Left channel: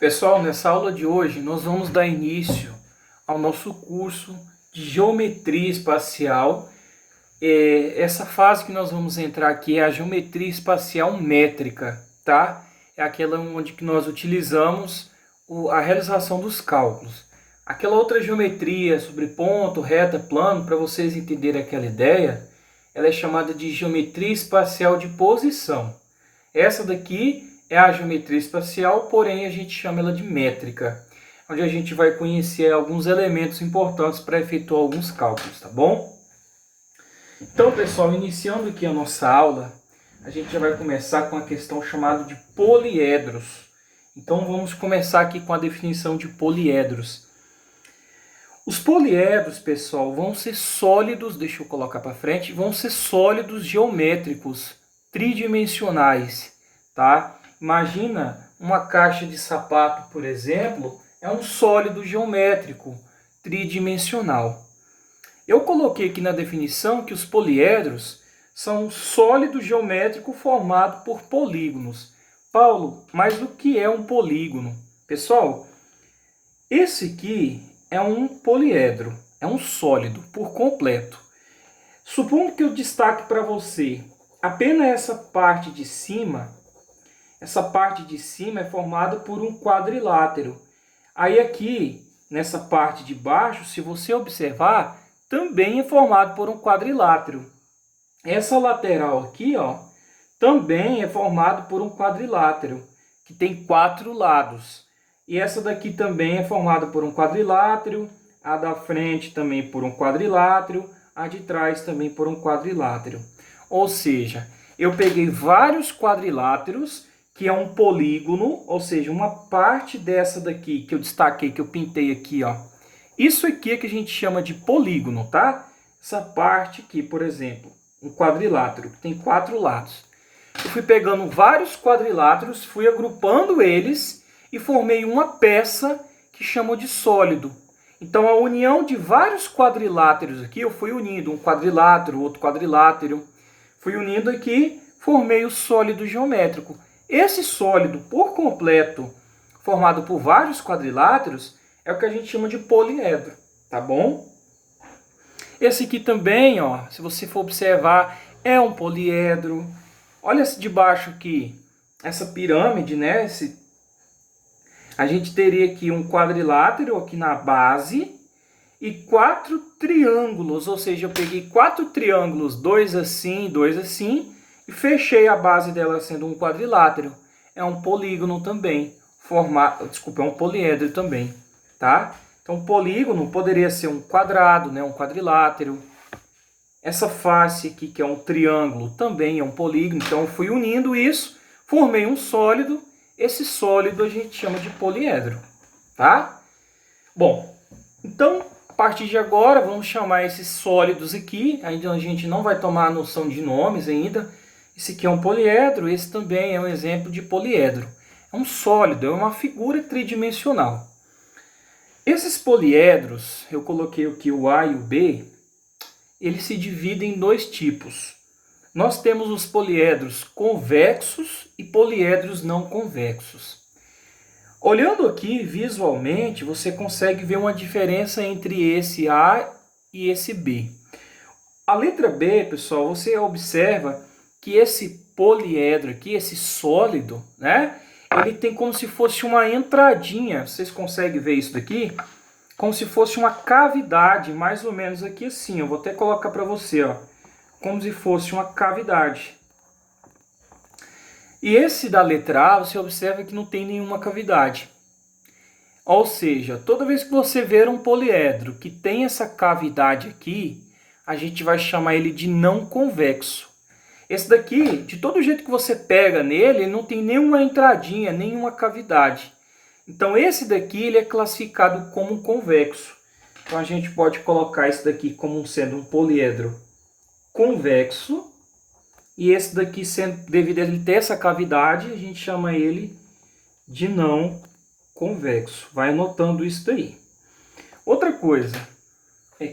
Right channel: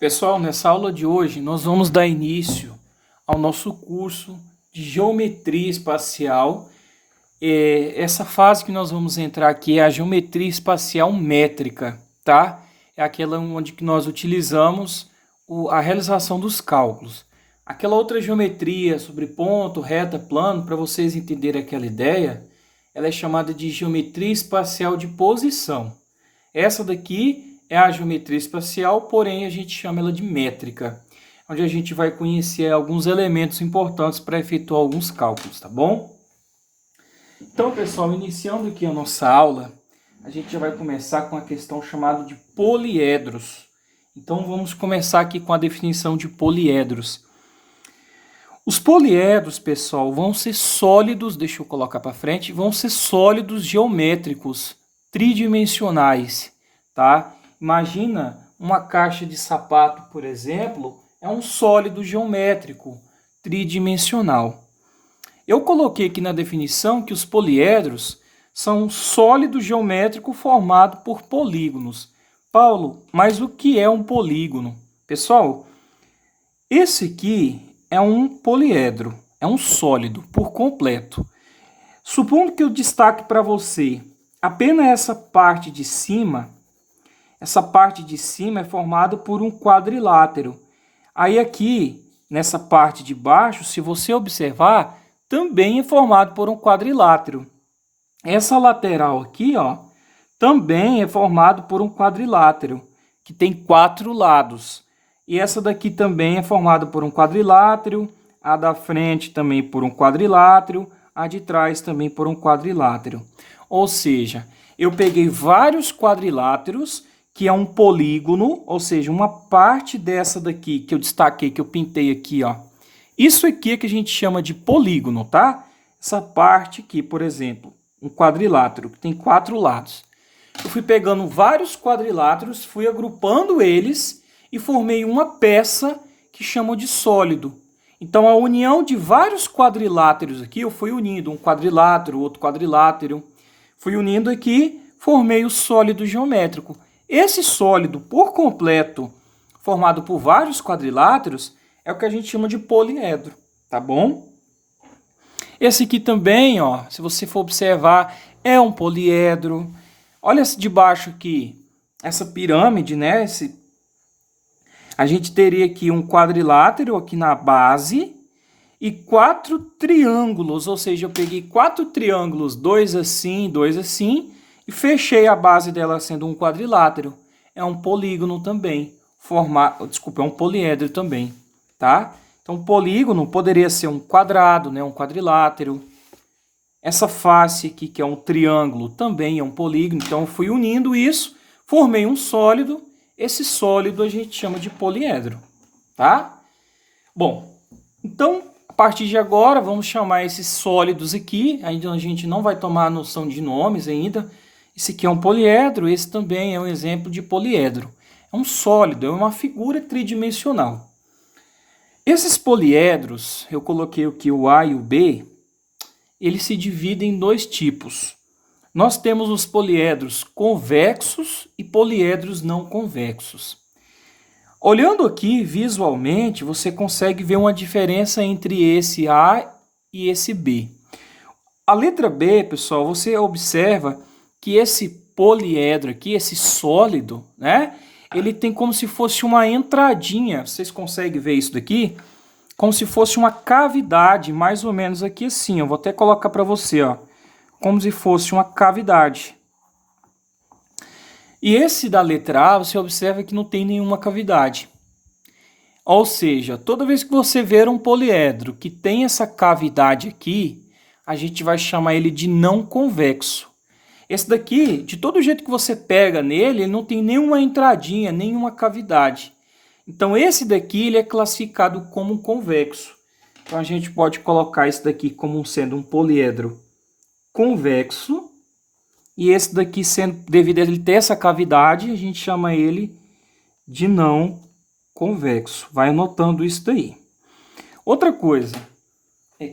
Pessoal, nessa aula de hoje nós vamos dar início ao nosso curso de Geometria Espacial. Essa fase que nós vamos entrar aqui é a Geometria Espacial Métrica, tá? É aquela onde que nós utilizamos a realização dos cálculos. Aquela outra geometria sobre ponto, reta, plano, para vocês entenderem aquela ideia, ela é chamada de Geometria Espacial de Posição. Essa daqui é a geometria espacial, porém a gente chama ela de métrica, onde a gente vai conhecer alguns elementos importantes para efetuar alguns cálculos, tá bom? Então, pessoal, iniciando aqui a nossa aula, a gente já vai começar com a questão chamada de poliedros. Então, vamos começar aqui com a definição de poliedros. Os poliedros, pessoal, vão ser sólidos, deixa eu colocar para frente, vão ser sólidos geométricos, tridimensionais, tá? Imagina uma caixa de sapato, por exemplo, é um sólido geométrico tridimensional. Eu coloquei aqui na definição que os poliedros são um sólido geométrico formado por polígonos. Paulo, mas o que é um polígono? Pessoal, esse aqui é um poliedro, é um sólido por completo. Supondo que eu destaque para você apenas essa parte de cima. Essa parte de cima é formada por um quadrilátero. Aí aqui, nessa parte de baixo, se você observar, também é formado por um quadrilátero. Essa lateral aqui, ó, também é formado por um quadrilátero, que tem 4 lados. E essa daqui também é formada por um quadrilátero, a da frente também por um quadrilátero, a de trás também por um quadrilátero. Ou seja, eu peguei vários quadriláteros, que é um polígono, ou seja, uma parte dessa daqui que eu destaquei, que eu pintei aqui, ó. Isso aqui é que a gente chama de polígono, tá? Essa parte aqui, por exemplo, um quadrilátero, que tem 4 lados. Eu fui pegando vários quadriláteros, fui agrupando eles e formei uma peça que chamam de sólido. Então, a união de vários quadriláteros aqui, eu fui unindo um quadrilátero, outro quadrilátero, fui unindo aqui, formei o sólido geométrico. Esse sólido por completo, formado por vários quadriláteros, é o que a gente chama de poliedro, tá bom? Esse aqui também, ó, se você for observar, é um poliedro. Olha esse de baixo aqui, essa pirâmide, né? A gente teria aqui um quadrilátero aqui na base e 4 triângulos, ou seja, eu peguei 4 triângulos, 2 assim, e fechei a base dela sendo um quadrilátero. É um polígono também. É um poliedro também, tá? Então, polígono poderia ser um quadrado, né? Um quadrilátero. Essa face aqui, que é um triângulo, também é um polígono. Então, fui unindo isso, formei um sólido. Esse sólido a gente chama de poliedro, tá? Bom, então, a partir de agora, vamos chamar esses sólidos aqui. Ainda a gente não vai tomar a noção de nomes ainda. Esse aqui é um poliedro, esse também é um exemplo de poliedro. É um sólido, é uma figura tridimensional. Esses poliedros, eu coloquei aqui o A e o B, eles se dividem em 2 tipos. Nós temos os poliedros convexos e poliedros não convexos. Olhando aqui visualmente, você consegue ver uma diferença entre esse A e esse B. A letra B, pessoal, você observa que esse poliedro aqui, esse sólido, né? Ele tem como se fosse uma entradinha. Vocês conseguem ver isso daqui? Como se fosse uma cavidade, mais ou menos aqui assim. Eu vou até colocar para você, ó. Como se fosse uma cavidade. E esse da letra A, você observa que não tem nenhuma cavidade. Ou seja, toda vez que você ver um poliedro que tem essa cavidade aqui, a gente vai chamar ele de não convexo. Esse daqui, de todo jeito que você pega nele, ele não tem nenhuma entradinha, nenhuma cavidade. Então, esse daqui ele é classificado como convexo. Então, a gente pode colocar esse daqui como sendo um poliedro convexo. E esse daqui, devido a ele ter essa cavidade, a gente chama ele de não convexo. Vai anotando isso daí. Outra coisa.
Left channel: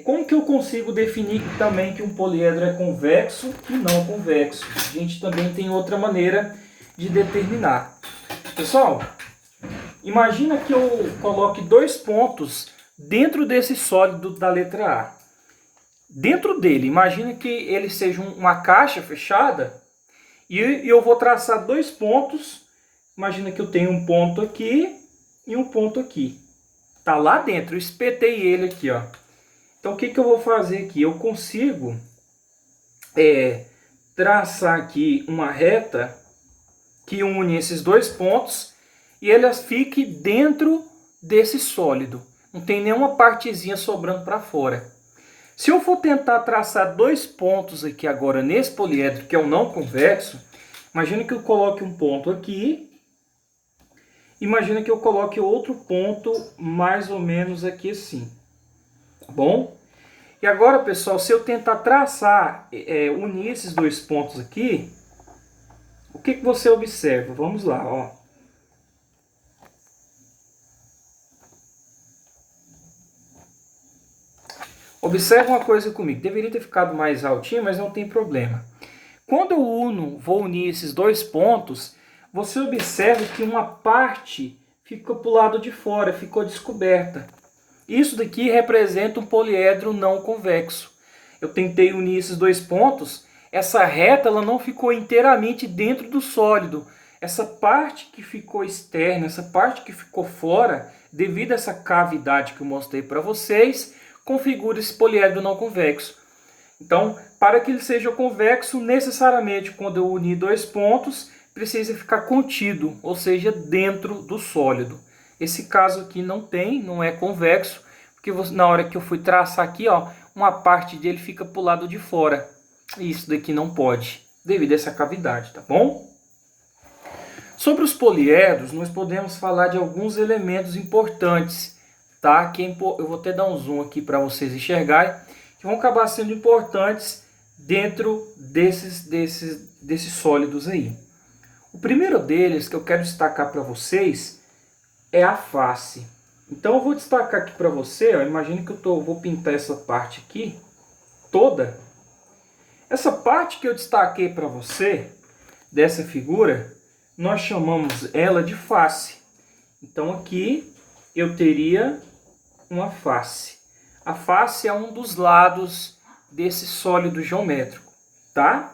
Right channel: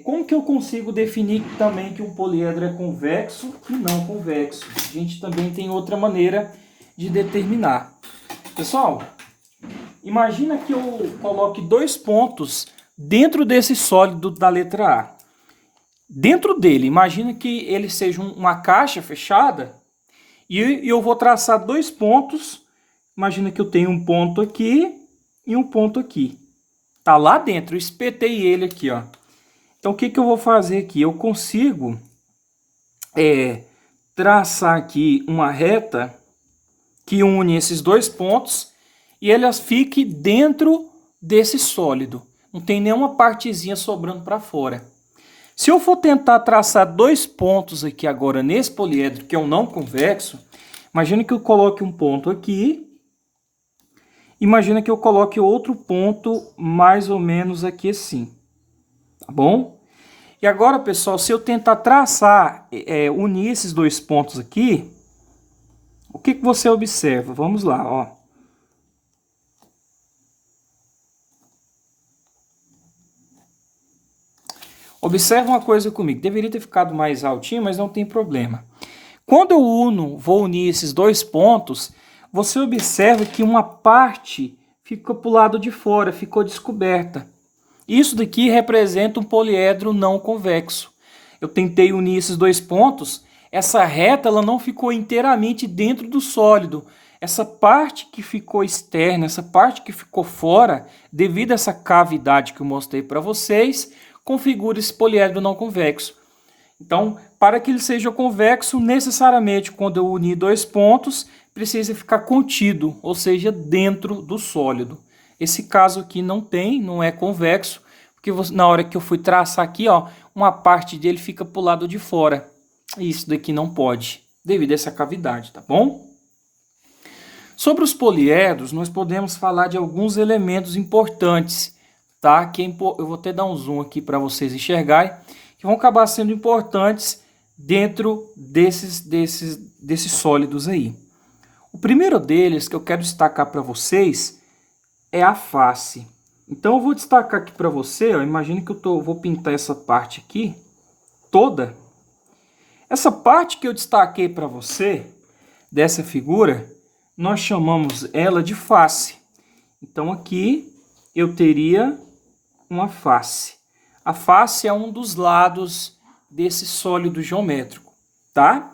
Como que eu consigo definir também que um poliedro é convexo e não convexo? A gente também tem outra maneira de determinar. Pessoal, Imagina que eu coloque 2 pontos dentro desse sólido da letra A. Dentro dele, imagina que ele seja uma caixa fechada e eu vou traçar 2 pontos. Imagina que eu tenho um ponto aqui e um ponto aqui. Tá lá dentro, eu espetei ele aqui, ó. Então, o que eu vou fazer aqui? Eu consigo traçar aqui uma reta que une esses 2 pontos e elas fiquem dentro desse sólido. Não tem nenhuma partezinha sobrando para fora. Se eu for tentar traçar 2 pontos aqui agora nesse poliedro, que é o não convexo, imagina que eu coloque um ponto aqui. Imagina que eu coloque outro ponto mais ou menos aqui assim. Tá bom? E agora, pessoal, se eu tentar traçar, unir esses 2 pontos aqui, o que você observa? Vamos lá, ó. Observa uma coisa comigo. Deveria ter ficado mais altinho, mas não tem problema. Quando eu vou unir esses 2 pontos, você observa que uma parte fica para o lado de fora, ficou descoberta. Isso daqui representa um poliedro não convexo. Eu tentei unir esses 2 pontos, essa reta ela não ficou inteiramente dentro do sólido. Essa parte que ficou externa, essa parte que ficou fora, devido a essa cavidade que eu mostrei para vocês, configura esse poliedro não convexo. Então, para que ele seja convexo, necessariamente, quando eu unir 2 pontos, precisa ficar contido, ou seja, dentro do sólido. Esse caso aqui não é convexo, porque na hora que eu fui traçar aqui, ó, uma parte dele fica para o lado de fora. E isso daqui não pode, devido a essa cavidade, tá bom? Sobre os poliedros, nós podemos falar de alguns elementos importantes, tá? Eu vou até dar um zoom aqui para vocês enxergarem, que vão acabar sendo importantes dentro desses sólidos aí. O primeiro deles que eu quero destacar para vocês é a face. Então eu vou destacar aqui para você, ó, imagine que eu vou pintar essa parte aqui toda. Essa parte que eu destaquei para você, dessa figura, nós chamamos ela de face. Então aqui eu teria uma face. A face é um dos lados desse sólido geométrico, tá?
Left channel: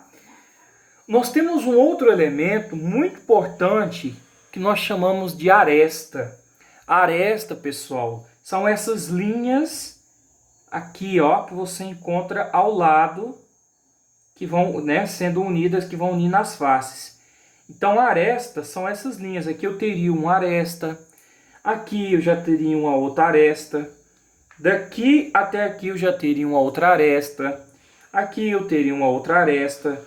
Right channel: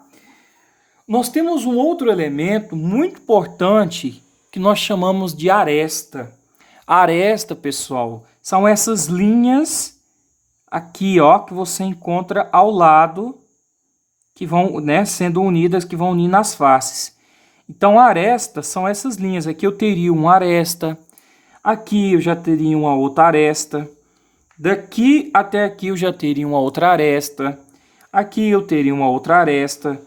Nós temos um outro elemento muito importante que nós chamamos de aresta. A aresta, pessoal, são essas linhas aqui, ó, que você encontra ao lado, que vão, né, sendo unidas, que vão unir nas faces. Então, a aresta são essas linhas. Aqui eu teria uma aresta, aqui eu já teria uma outra aresta, daqui até aqui eu já teria uma outra aresta, aqui eu teria uma outra aresta,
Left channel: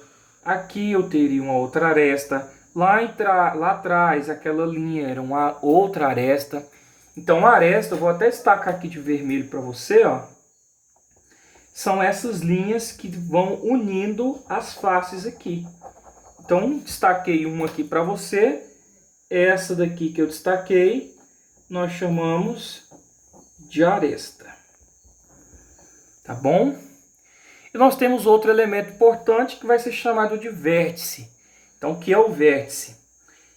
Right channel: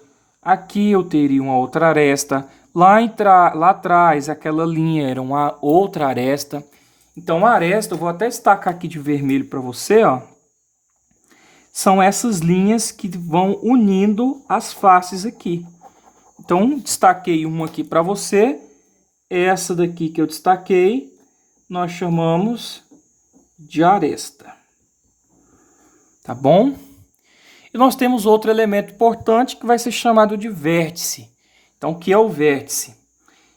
aqui eu teria uma outra aresta, lá atrás aquela linha era uma outra aresta. Então, a aresta, eu vou até destacar aqui de vermelho para você, ó. São essas linhas que vão unindo as faces aqui. Então, destaquei uma aqui para você. Essa daqui que eu destaquei, nós chamamos de aresta. Tá bom? E nós temos outro elemento importante que vai ser chamado de vértice. Então, o que é o vértice?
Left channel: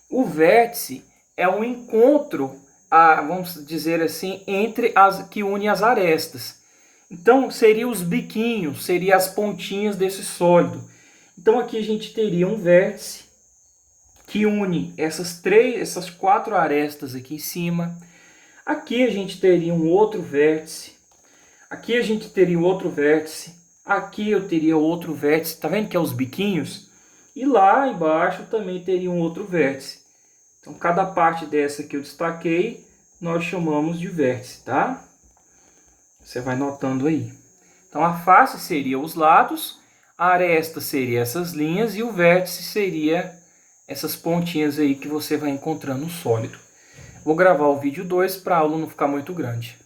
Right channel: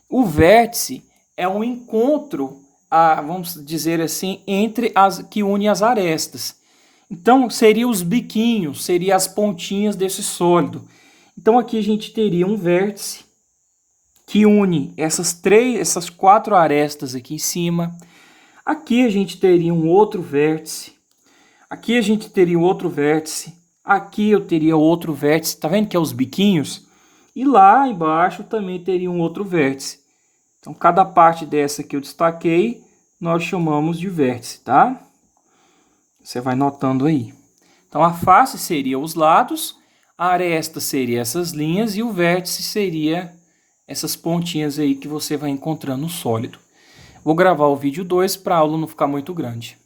O vértice é um encontro, vamos dizer assim, entre as que une as arestas. Então, seriam os biquinhos, seriam as pontinhas desse sólido. Então, aqui a gente teria um vértice que une essas 4 arestas aqui em cima. Aqui a gente teria um outro vértice. Aqui a gente teria um outro vértice. Aqui eu teria outro vértice. Tá vendo que é os biquinhos? E lá embaixo também teria um outro vértice. Então, cada parte dessa que eu destaquei, nós chamamos de vértice, tá? Você vai notando aí. Então, a face seria os lados, a aresta seria essas linhas e o vértice seria essas pontinhas aí que você vai encontrando no sólido. Vou gravar o vídeo 2 para a aula não ficar muito grande.